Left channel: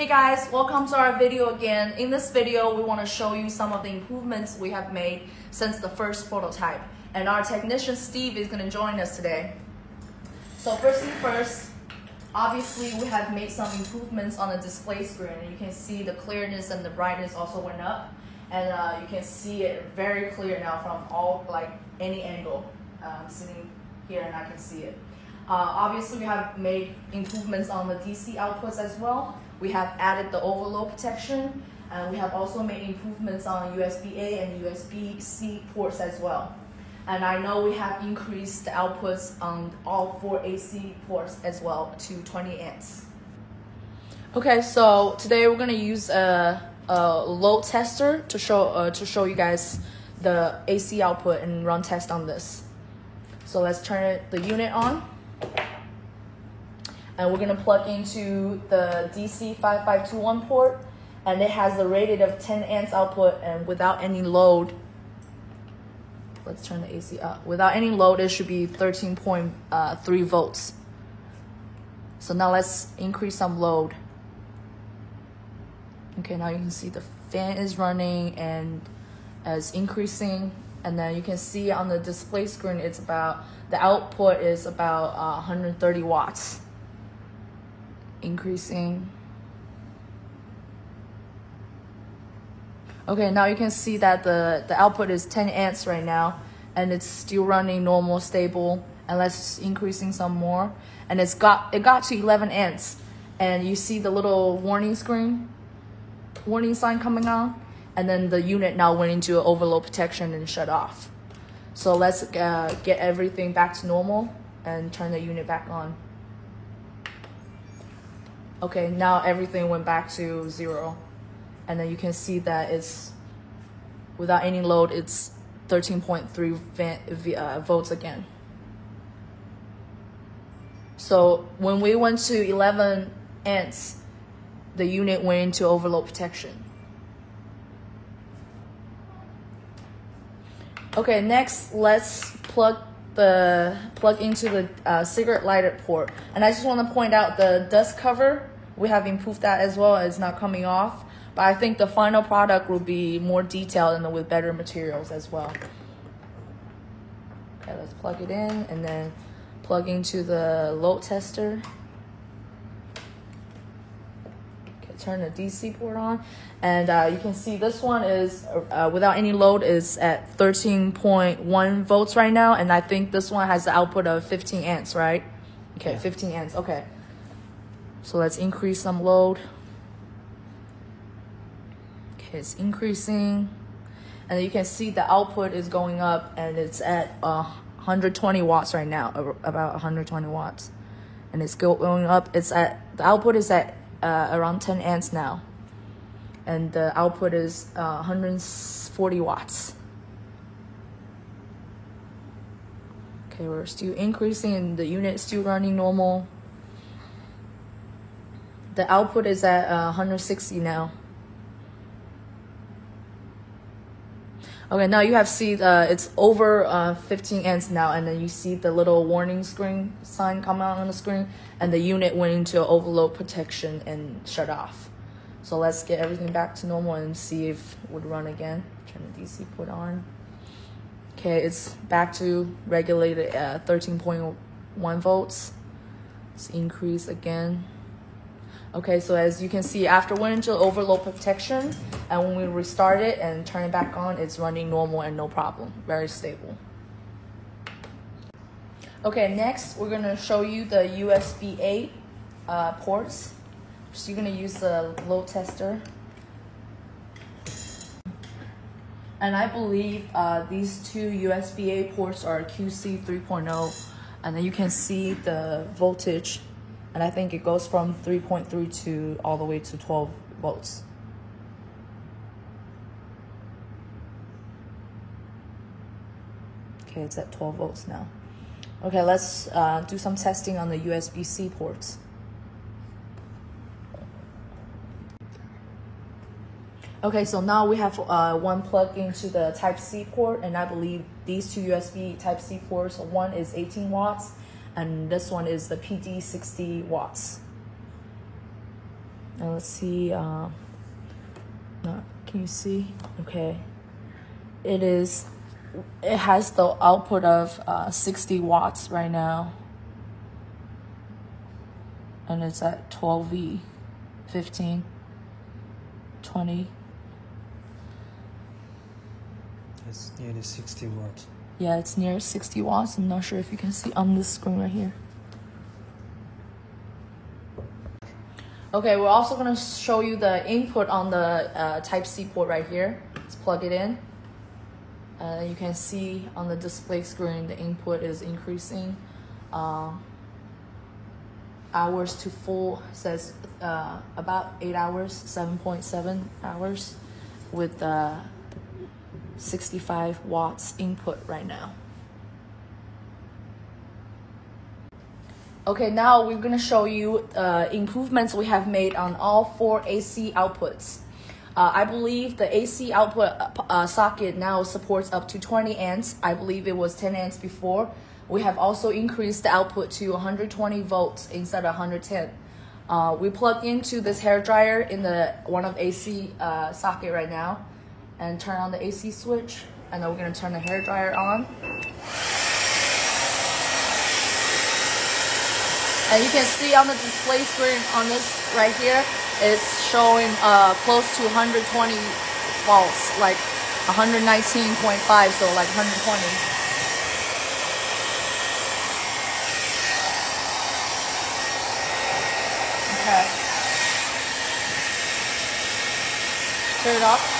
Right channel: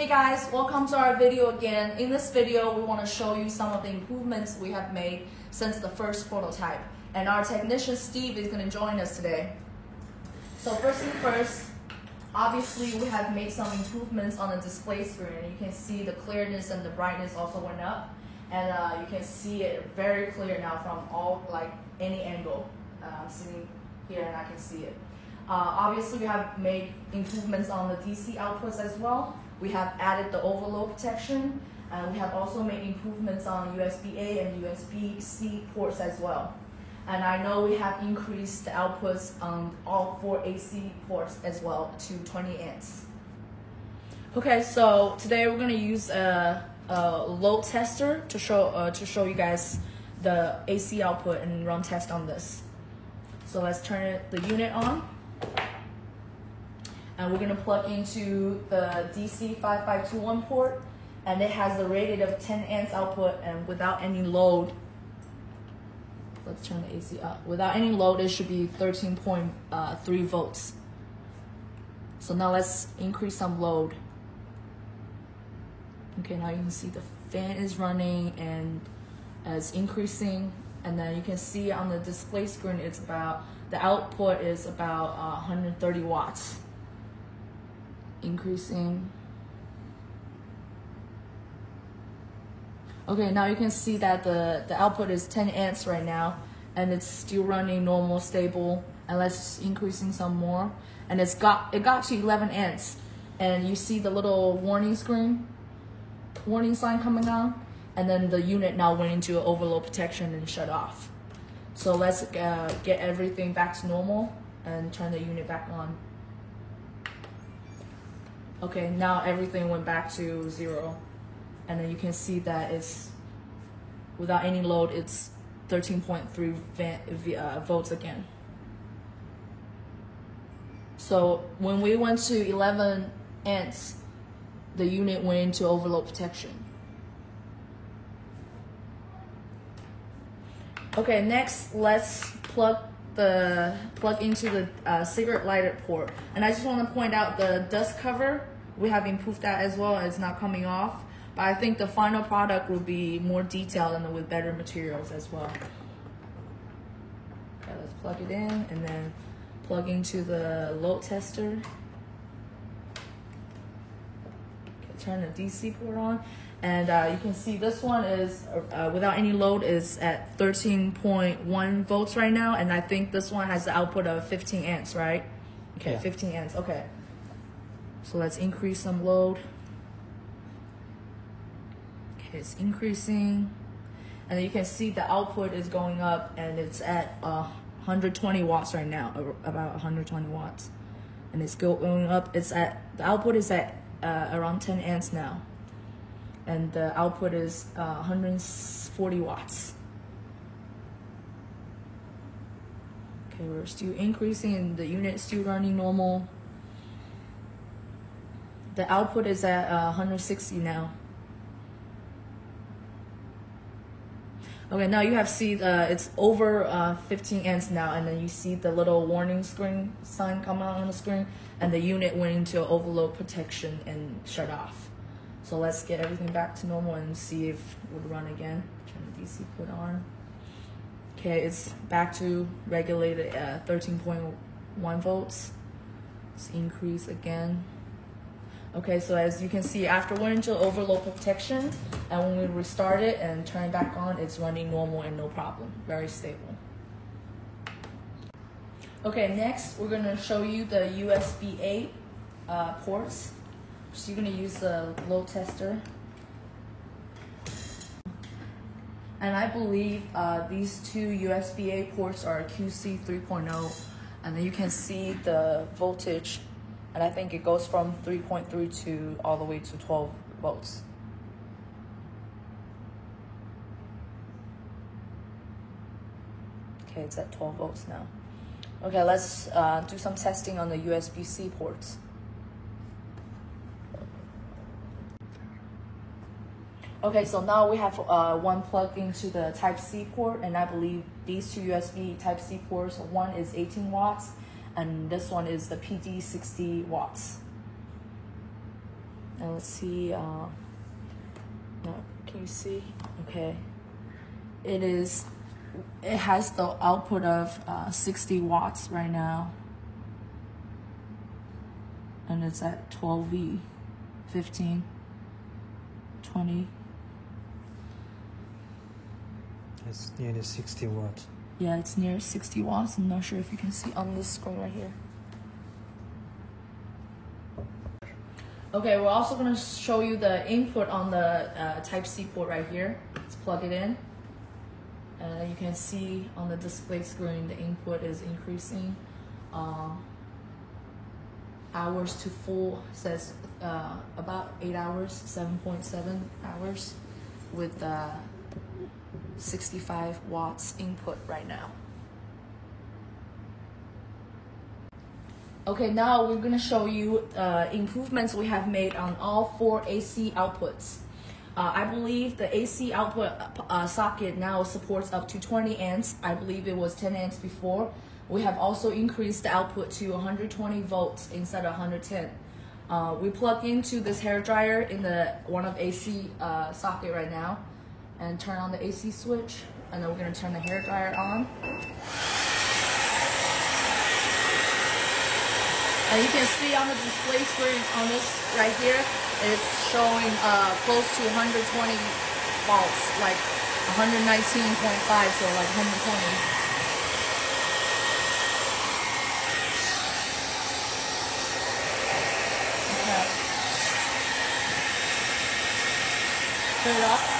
Hey guys, welcome to our video again. In this video, we want to show you some of the improvements we have made since the first prototype. And our technician Steve is going to join us today. So first thing first, obviously we have made some improvements on the display screen. You can see the clearness and the brightness also went up. And you can see it very clear now from any angle. I'm sitting here and I can see it. Obviously we have made improvements on the DC outputs as well. We have added the overload protection, and we have also made improvements on USB-A and USB-C ports as well. And I know we have increased the outputs on all 4 AC ports as well to 20 amps. Okay, so today we're gonna use a load tester to show you guys the AC output and run test on this. So let's turn the unit on. And we're gonna plug into the DC 5521 port, and it has a rated of 10 amps output, and without any load, let's turn the AC up. Without any load, it should be 13.3 volts. So now let's increase some load. Okay, now you can see the fan is running and is increasing, and then you can see on the display screen, the output is about 130 watts. Increasing. Okay, now you can see that the output is 10 amps right now, and it's still running normal, stable. And let's increasing some more, and it got to 11 amps, and you see the little warning sign coming on, and then the unit now went into overload protection and shut off. So let's get everything back to normal and turn the unit back on. Okay, now everything went back to 0. And then you can see that it's, without any load, it's 13.3 volts again. So when we went to 11 amps, the unit went into overload protection. Okay, next let's plug into the cigarette lighter port. And I just want to point out the dust cover. We have improved that as well. It's not coming off, but I think the final product will be more detailed and with better materials as well. Okay, let's plug it in and then plug into the load tester. Okay, turn the DC port on, and you can see this one is without any load is at 13.1 volts right now, and I think this one has the output of 15 amps, right? Okay, yeah. 15 amps. Okay. So let's increase some load. Okay, it's increasing. And you can see the output is going up, and it's at 120 watts right now, about 120 watts. And it's going up. The output is at around 10 amps now. And the output is 140 watts. Okay, we're still increasing, and the unit is still running normal. The output is at 160 now. Okay, now you have it's over 15 amps now, and then you see the little warning sign come out on the screen, and the unit went into overload protection and shut off. So let's get everything back to normal and see if it would run again. Turn the DC put on. Okay, it's back to regulated at 13.1 volts. Let's increase again. Okay, so as you can see, after went into overload protection, and when we restart it and turn it back on, it's running normal and no problem, very stable. Okay, next we're gonna show you the USB-A ports. So you're gonna use the load tester. And I believe these two USB-A ports are QC 3.0, and then you can see the voltage. And I think it goes from 3.3 to all the way to 12 volts. Okay, it's at 12 volts now. Okay, let's do some testing on the USB-C ports. Okay, so now we have one plugged into the Type-C port, and I believe these two USB Type-C ports, one is 18 watts, and this one is the PD 60 watts. And let's see, can you see? Okay. It has the output of 60 watts right now. And it's at 12V, 15, 20. It's nearly 60 watts. Yeah, it's near 60 watts. I'm not sure if you can see on the screen right here. Okay, we're also gonna show you the input on the Type-C port right here. Let's plug it in. You can see on the display screen, the input is increasing. Hours to full says about 8 hours, 7.7 hours with 65 watts input right now. Okay, now we're gonna show you improvements we have made on all 4 AC outputs. I believe the AC output socket now supports up to 20 amps. I believe it was 10 amps before. We have also increased the output to 120 volts instead of 110. We plugged into this hair dryer in the one of AC socket right now, and turn on the AC switch, and then we're gonna turn the hair dryer on. And you can see on the display screen on this right here, it's showing close to 120 volts, like 119.5, so like 120. Okay. Turn it off.